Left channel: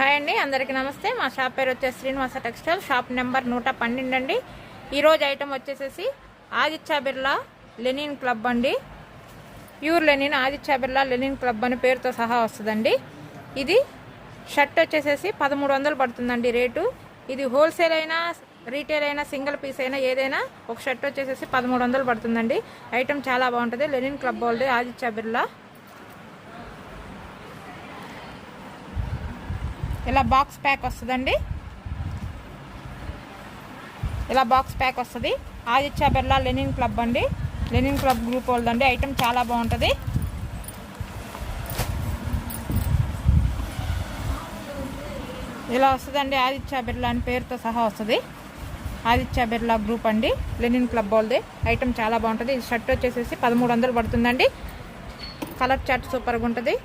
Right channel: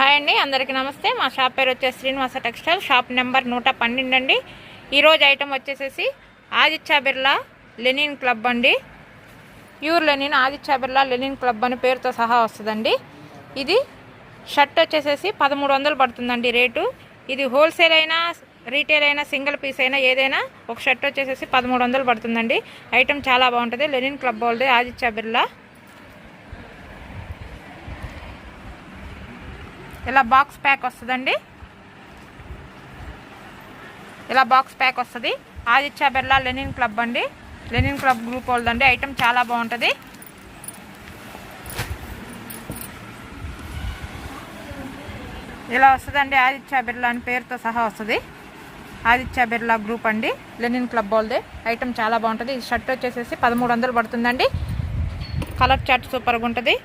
Hi అండి, అందరికీ నమస్తే. మా షాప్ పేరు వచ్చేసి శ్రీనివాస టెక్స్టైల్, షాప్ నెంబర్ 112 అండి. ఈరోజు ఐటమ్ వచ్చేసేసి ఆదిత్య బిర్లా లెనిన్ క్లబ్ అండి. Pure linen Aditya Birla linen club అని పేరుతో సహా వస్తుందండి. ఇది షర్ట్ వచ్చేసేసి 1300 పడుతుందండి రేటు. ఇది హోల్సేల్ అయినా రీటైల్ అయినా సింగిల్ పీస్ అయినా ఏదైనా ఒక షర్ట్ వచ్చేసేసి 1300 పడుతుందండి. ఐటమ్ చాలా బాగుంటుంది. లెనిన్ క్లబ్ వాళ్ళది ఆదిత్య బిర్లా. ఇలా బాక్స్ ప్యాక్ వస్తుందండి. ఇలా బాక్స్ ప్యాక్ వస్తుంది. ఆదిత్య బిర్లా లెనిన్ క్లబ్ అండి. లెనిన్ క్లబ్ గ్రూప్ వాళ్ళదండి. ఐటమ్ చాలా బాగుంటుంది. ఇలా వస్తుందండి. ఆదిత్య బిర్లా అని పేరుతో సహా వస్తుంది. ఆదిత్య బిర్లా గ్రూప్ అండి, లెనిన్ క్లబ్ వాళ్ళది. ఐటమ్ చాలా బాగుంటుంది. ఈ షర్ట్ వచ్చేసేసి 1300 పడుతుందండి. కలర్ చార్ట్ సూపర్గా ఉంటుంది.